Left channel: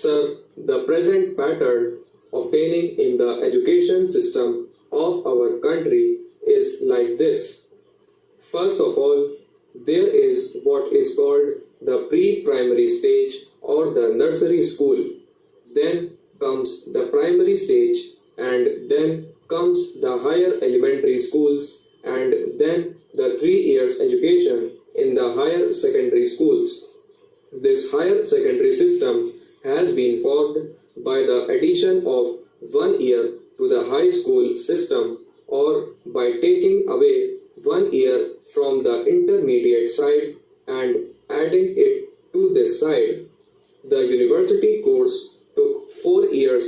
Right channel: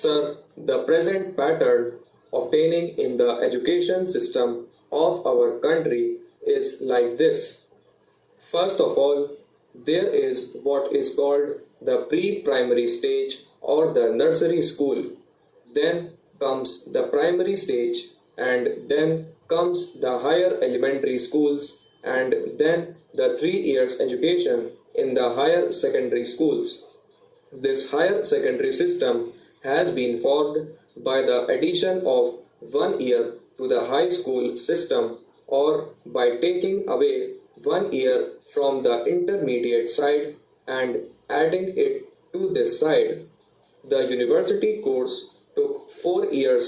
Sir, the present pattern obtaining in the education system of our country is like this. First of all, there is what is called the pre-primary stage or the nursery school. Then comes the primary stage, and then comes the higher elementary schools, and then the 3 years education in the higher secondary schools. This higher secondary system has been formed by the addition of 1 year to the high school system, or by taking away 1 year from the intermediate side and adding it to this side. The university course took 4 years,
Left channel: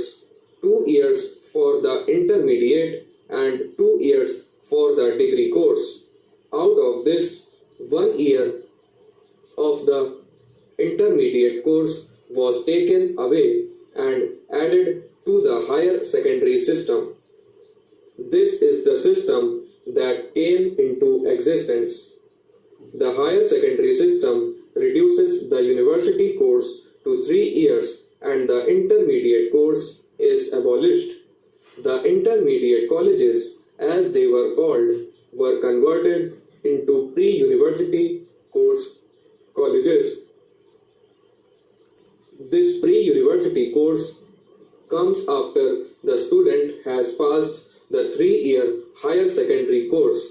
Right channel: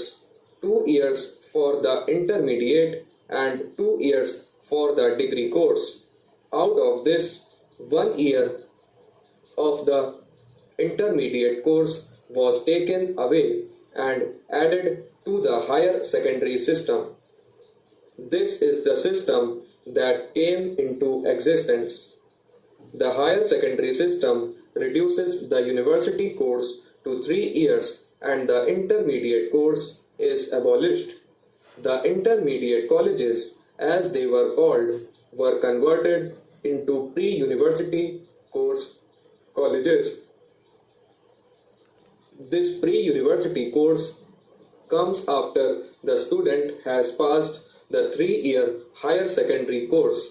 2 years for the intermediate and 2 years for the degree course. Out of this, 1 year of the intermediate course was taken away and added to the higher secondary system. This is the system that came into existence. The higher secondary system reduces the university course to 3 years and the intermediate course is abolished. The intermediate colleges, as they were called, were converted into pre-university course colleges. This pre-university course comes after the student has passed the 3 year higher secondary course.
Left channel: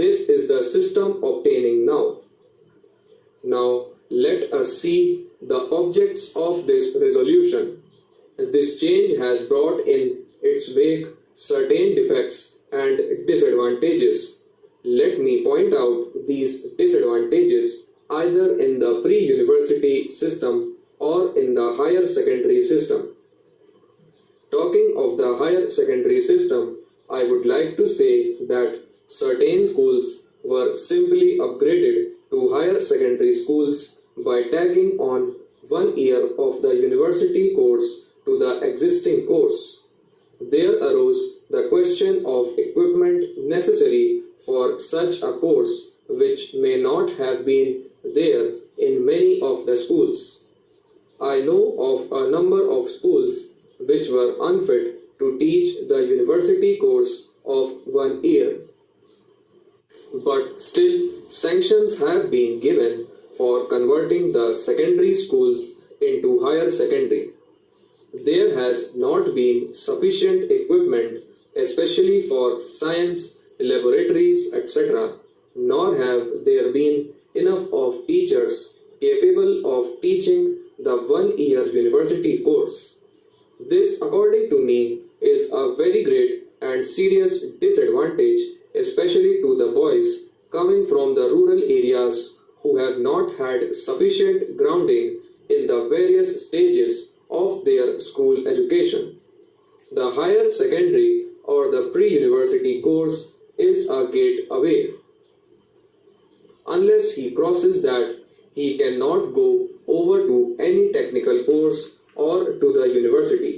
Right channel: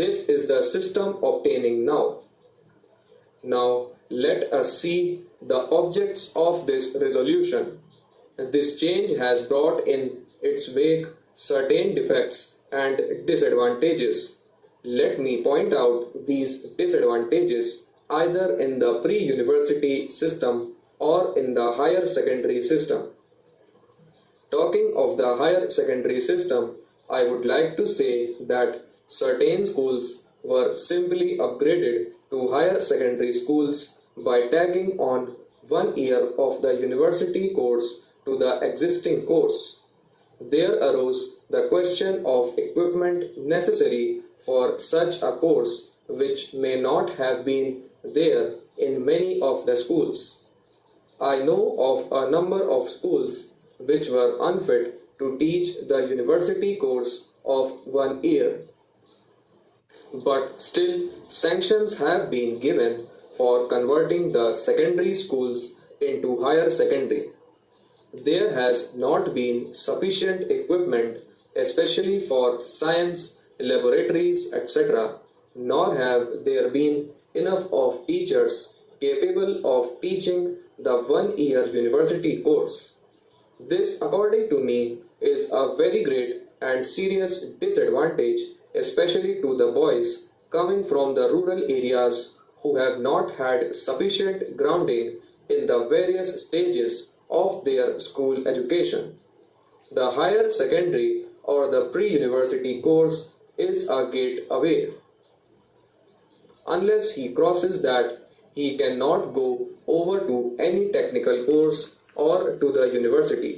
This is the system obtaining now. Now let us see the objects of this resolution. This change has brought in its wake certain defects and disadvantages. Let me point out these disadvantages either in the pre-university system or in the higher secondary system. Talking of the higher secondary system, I would like to say that certain schools were simply upgraded to higher secondary schools by tagging on 1 year of the university course to the existing course. There arose the question of equipment necessary for such a course, which may not have been there in many of the schools. I know of a number of schools which were unfit to teach the university course of 1 year. But still, sanctions have been given for converting the secondary schools into higher secondary. There has not been sufficient equipment, especially for science, laboratories, etc., nor have there been enough of teachers capable of teaching the 1 year university course. This, according to me, is a very great and serious disadvantage, especially to the boys coming from the rural areas who have not had sufficient grounding in the various stages of their school education. The higher secondary or the pre-university course is a gate away. Unless he crosses that, he cannot go over to any technical course or to the university.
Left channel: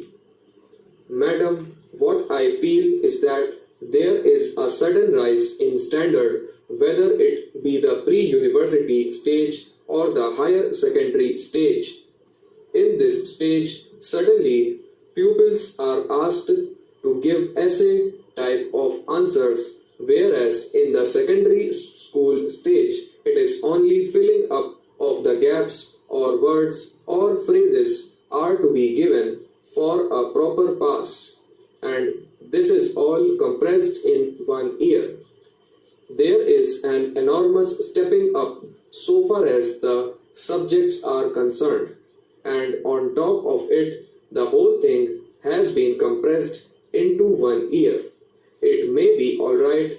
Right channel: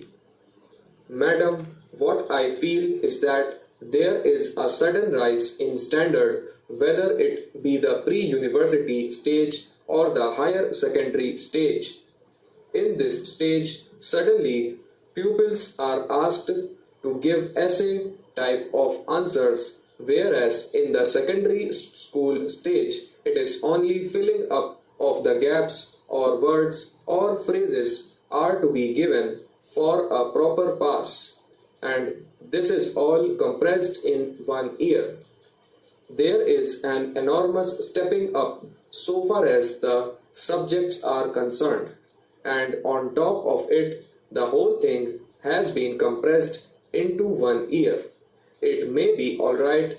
Madam, what I feel is that there is a sudden rise in standard, whether it be the pre-university stage or the higher secondary stage. In this stage, suddenly pupils are asked to give essay type of answers, whereas in the secondary school stage, it is only filling up of the gaps or words or phrases are to be given for a proper pass, and this is all compressed in 1 year. There is an enormous stepping up so far as the subjects are concerned, and on top of it, the whole thing has been compressed into 1 year. It may be alright,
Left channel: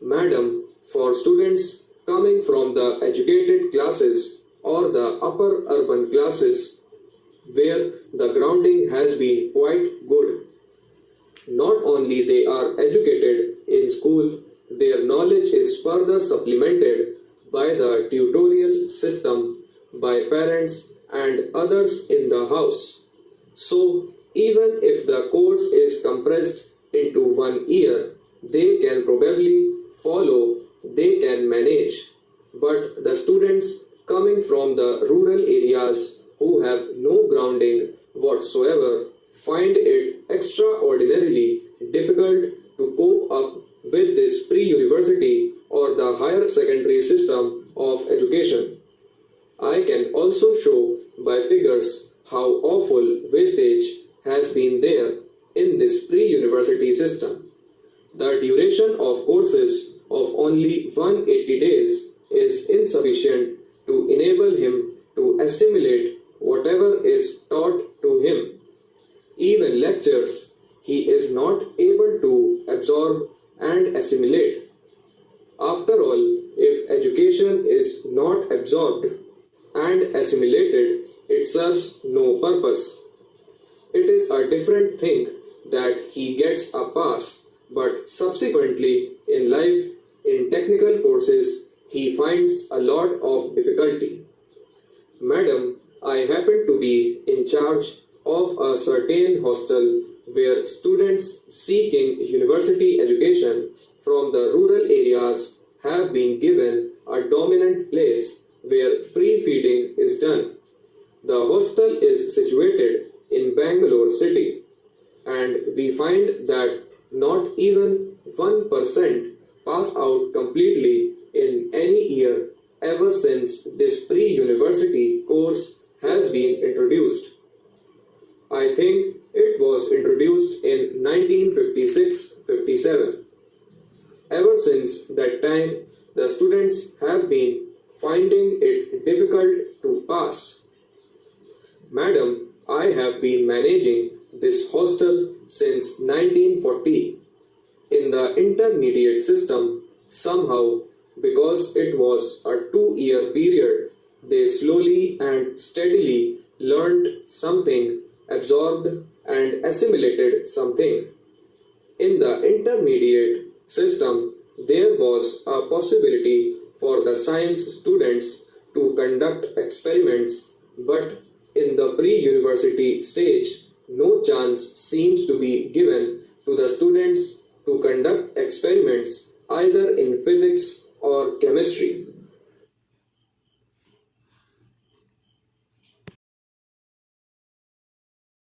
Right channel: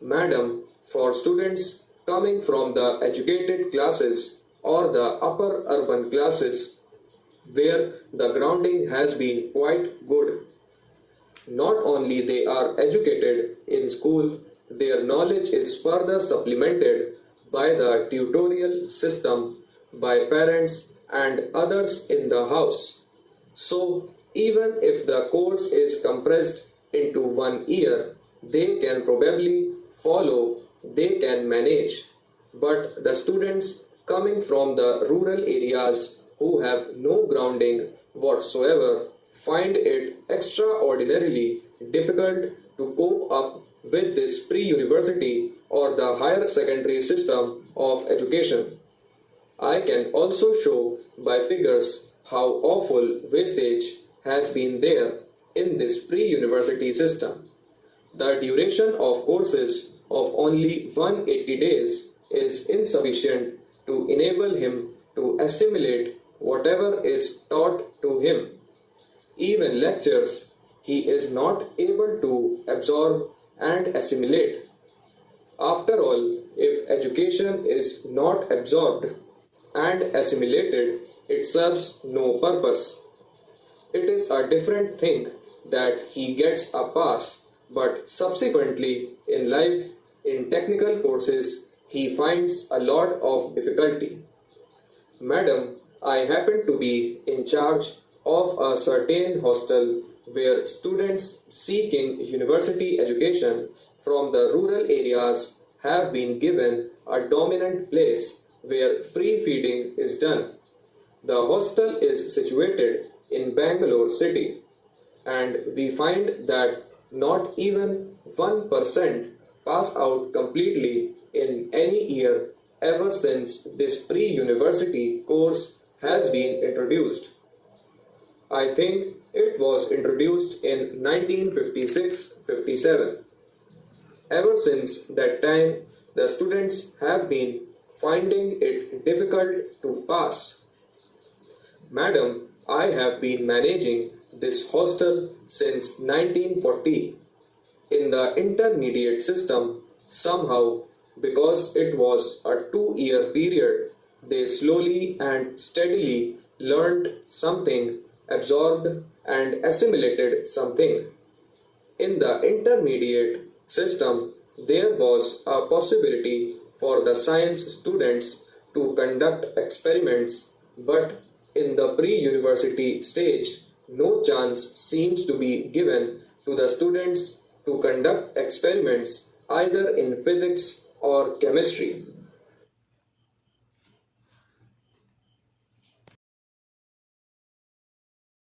madam, for students coming from the educated classes or the upper urban classes, where the grounding has been quite good. Not only they are educated in school, their knowledge is further supplemented by the tutorial system, by parents and others in the house. So, even if the course is compressed into 1 year, they can probably follow, they can manage. But the students coming from the rural areas who have no grounding whatsoever find it extraordinarily difficult to cope up with this pre-university or the higher secondary system of education. I can also show by figures how awful wastage has been there in this pre-university system. The duration of courses of only 180 days is insufficient to enable him to assimilate whatever is taught to him. Even lectures he is not able to absorb and assimilate. After all, if education is not absorbed and assimilated, it serves no purpose. It is a different thing that he gets a pass, but subsequently in life, in technical courses, he finds a lot of difficulty. Madam, I happen to be in charge of a certain hostel where students seeking university education from the rural areas have been given a dominant place where free feeding is done. The hostel is situated in Bangalore city, and we find that not even 1% pass out completely in any year ever since this pre-university course has been introduced. I think it was introduced in 1956-57. Ever since that time, the students have been finding it difficult to pass. Madam, I have been managing this hostel since 1940. In the intermediate system, somehow, because it was a 2-year period, they slowly and steadily learned something, absorbed and assimilated something. In the intermediate system, there was a possibility for the science students to conduct experiments, but in the pre-university stage, no chance seems to be given to the students to conduct experiments either in physics or chemistry.